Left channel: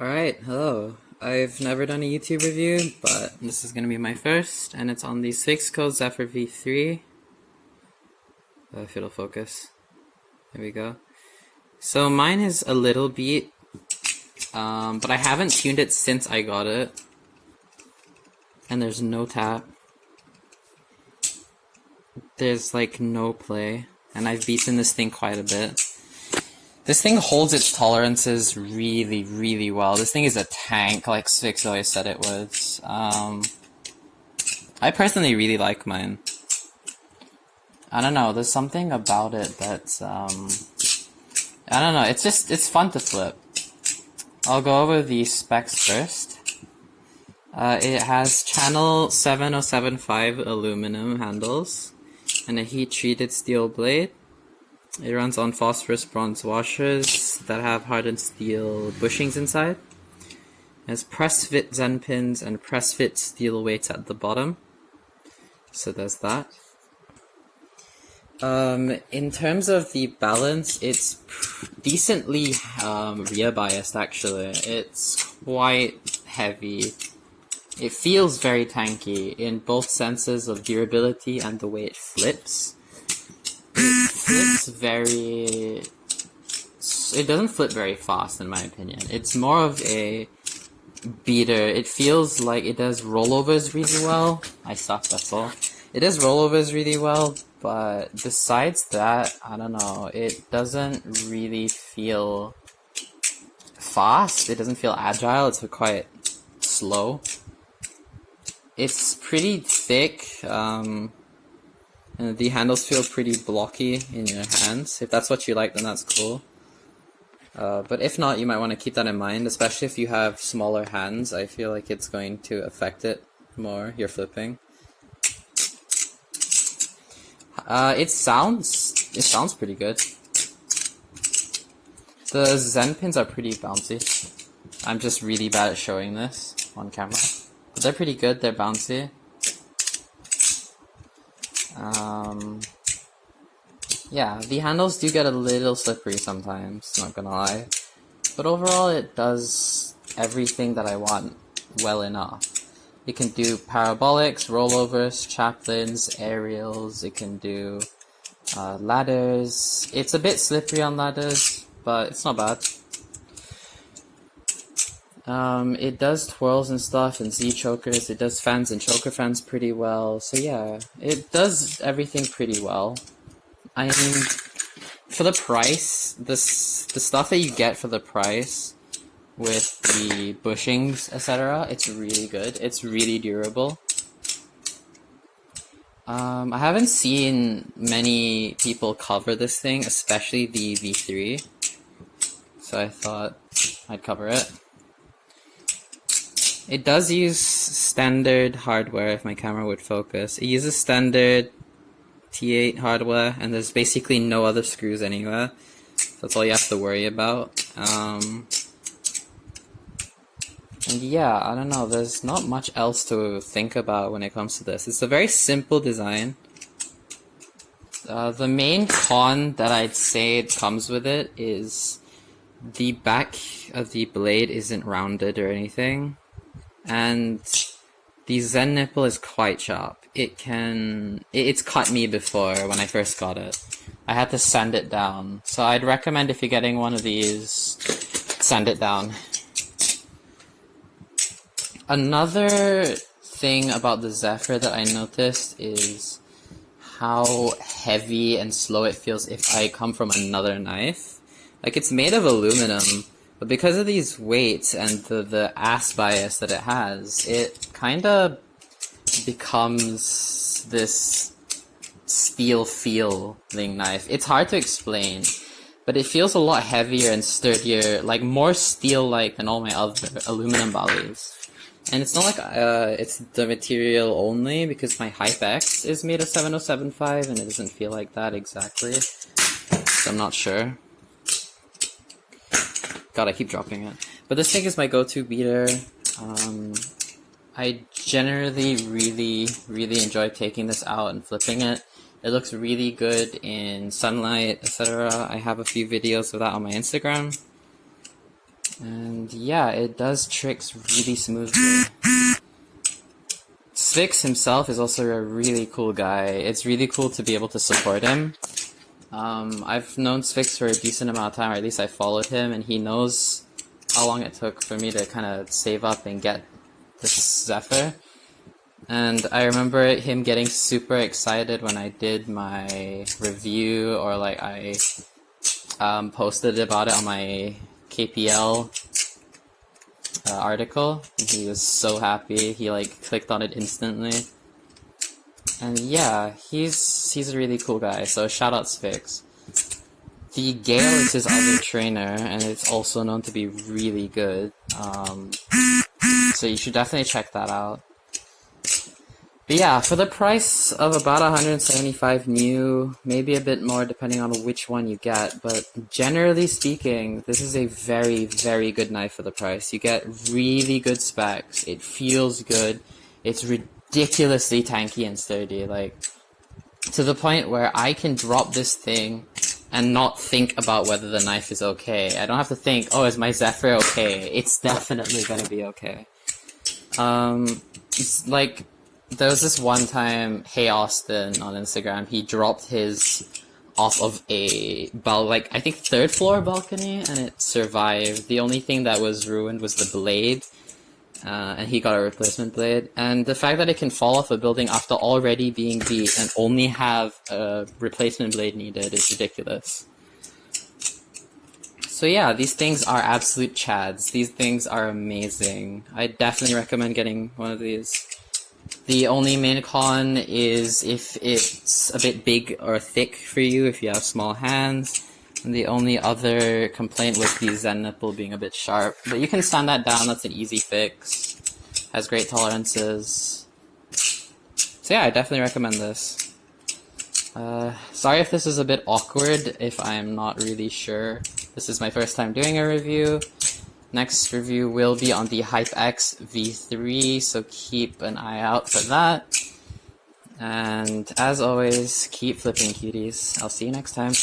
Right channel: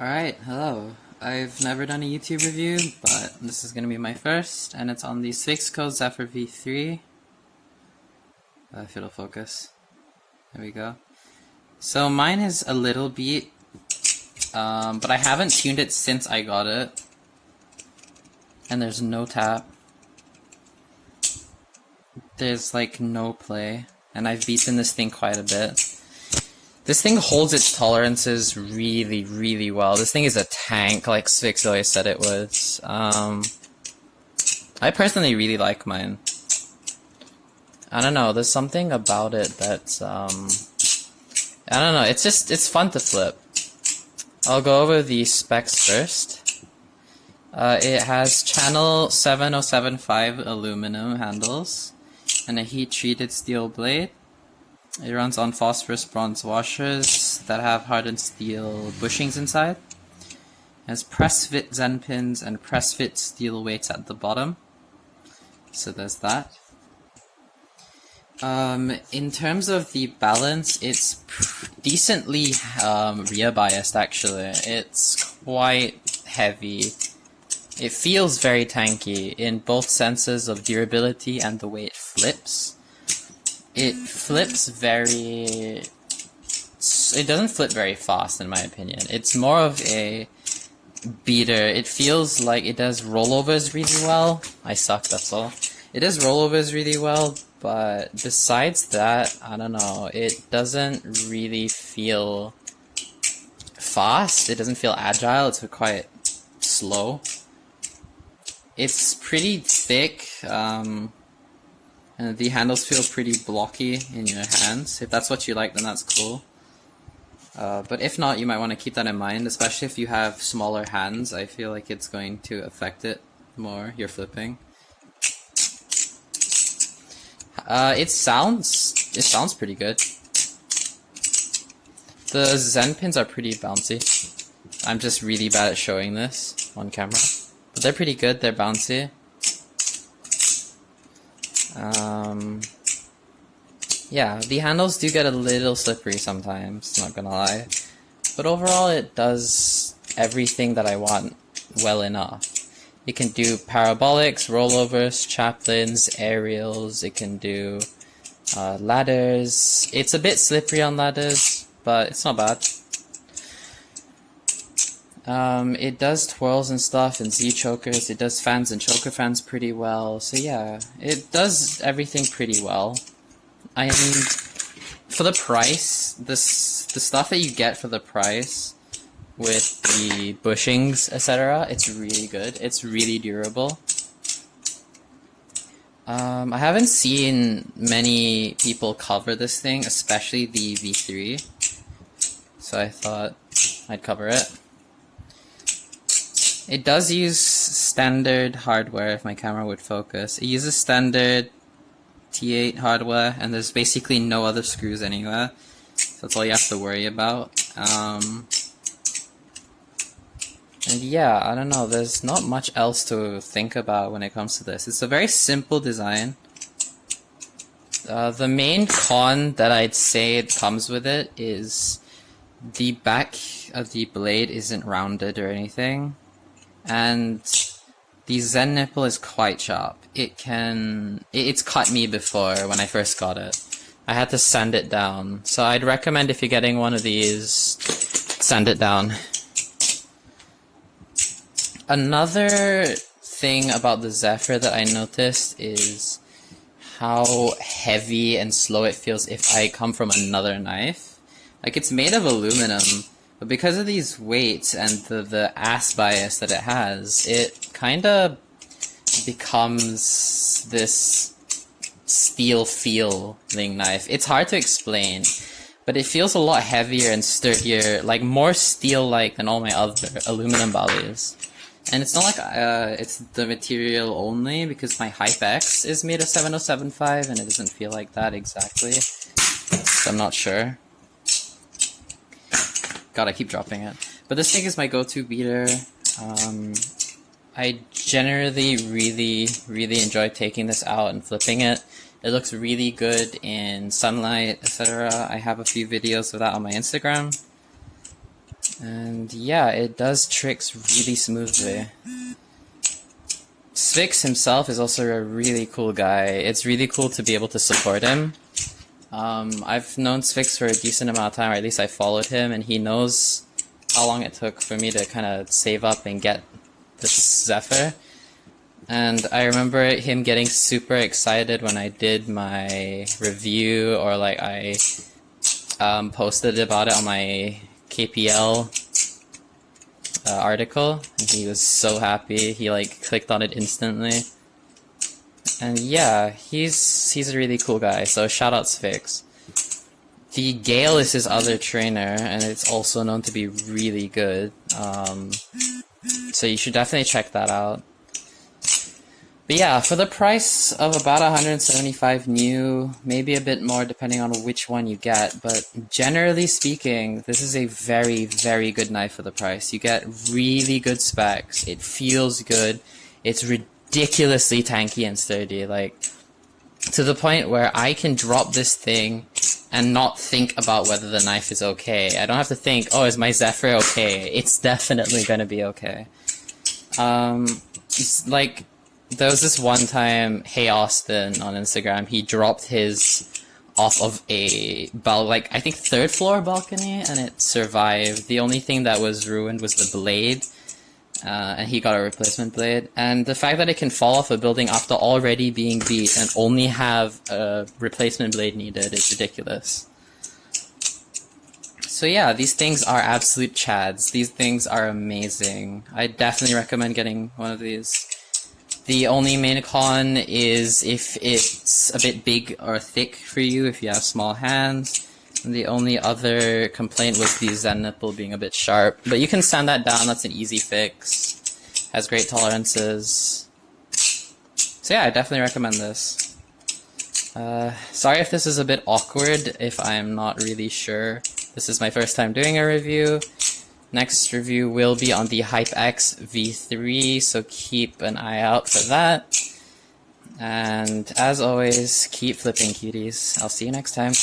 Alright, hello. I've never done a YouTube review, but this is going to be my first, and it's on the SvixCo Zephyr V3. If it'll focus. There we go. So mine is a little beat, but I haven't tuned it since I got it. And there's no tap. There's like no play, and I've beaten this thing quite a bit. This thing holds its tolerances really, really well. This thing is a tank, like SvixCo said it was. I personally really like mine. I don't know, there's something about it that's, I don't know, it's fun to flip. I'll go over the specs first. It has channel 7075 aluminum handles and a heat-treated steel blade. It runs on phosphorus bronze washers that have hardened steel bushings inside. It has press-fit Zen pins and press-fit steel weights at the bottom. So there's that. In terms of the balance, it's decently rear biased actually. It's quite heavy. It feels very tanky in both senses of durability and the way it flips. It flips very... It doesn't flip very fast in my opinion. It's more of a beater. It feels like it does rollovers really well. I suck, that's all. It does rollovers really well, but besides that, I don't know, it doesn't really feel fast. It doesn't feel agile. It's quite slow. It's pretty thick, and the handles feel pretty blocky in your hands. If that's what you like, then that's cool. But if not, you might want to keep that in mind, especially if you have smaller hands. I feel like it's going to affect it more, your flipping. It sounds pretty good. The Zen pins are pretty bouncy. I'm just really bad at showing this on camera. But they're pretty good, they're bouncy. Yeah, the handles do get a little slippery sometimes, not gonna lie. But overall it does everything that I want well enough. It can do parabolics, rollovers, chaplains, aerials, it can do ladders. It's a bit slippery on ladders, but it's not bad. It does twirls and stuff and Z-chokers, it does fans and choker fans pretty well, so yeah, it does everything pretty well. I mean, for the price, the stuff that you get for the price, with the bushings, etc., it's really good. It's really durable. I haven't seen many people cover this thing, especially the V3, so I thought I'd cover it. It does use standard hardware, if my camera would focus. It uses standard T8 hardware, and there's basically no other screws anywhere. So that's all you have to worry about. And yeah, I don't know, there's not much else to think about when it comes to this. It's a very simple design. The main con that I'd say it comes with it is the back of the blade isn't rounded or anything. And the Zen nipple is quite sharp. It's cut me before when I first got it. I had to sand it down. So I'd recommend if you're getting one of these, sand it down. Another thing about the Zephyr that I noticed is how heavy and slow it feels if I come from another knife. Like, it's made of aluminum, but because of these weights and the ass bias that it has, it kind of becomes this steel feeling knife. It's hard to explain, but it feels a lot heavier and sturdier, like more steel-like than all my other aluminum volleys. And it's not like it's the material only, because my HypeX is made of 7075 and it doesn't feel like that exactly. So I'm not sure. God, I keep dropping it. But this thing is my go-to beater. I generally really enjoy taking this out and flipping it. It looks really good in sunlight, etc. I have a few videos of that on my Instagram. And yeah, it does tricks really smoothly. Svix himself is also a really cool guy. It's really cool to be able to support him. I've known Svix for a decent amount of time, or at least I followed him, and he knows how long it took for me to kind of save up and get this Zephyr. And I remember him getting super excited when I did my review, or like I posted about it on my KPL article, and he was so happy. He like clicked on it instantly. And yeah, he's a really cool guy, so shout out Svix. The Gale is his other trainer, and it's also known to be really good. So you should definitely check that out. But yeah, for the price of about 175 new, maybe a bit more depending on which one you get, but generally speaking, this is a very, very good knife for the price. You get really good specs, it feels good, it's ridiculously tanky and sturdy, like, to the point where I can drop this thing and not think about whether the knife is okay. I don't have to think, oh, is my Zephyr okay? It's definitely gonna be okay. It's like, there was this one time, Hey Austin on Instagram, he dropped his off of a I think 3rd floor balcony, and it survived. The only thing that was ruined was the blade, and he got a replacement blade. And the fact that it can fall off a building after already being beat and only have a replacement blade needed is ridiculous. So yeah, these things are absolute chads. These things are amazing. I definitely recommend getting one of these. The only main con is if it's a bit big or thick for you, if you have small hands. And the only other complaint would be Zen nipple being a bit sharp. But you can sand that down, that's an easy fix. Has great tolerances. So yeah, I definitely recommend this. Sorry if this is a bit awkward, if I'm not really sure. This is my first time doing a review. Next review will be on the HypeX V3, so keep an eye out for that. And as always, keep flipping cuties. I'll see you next time.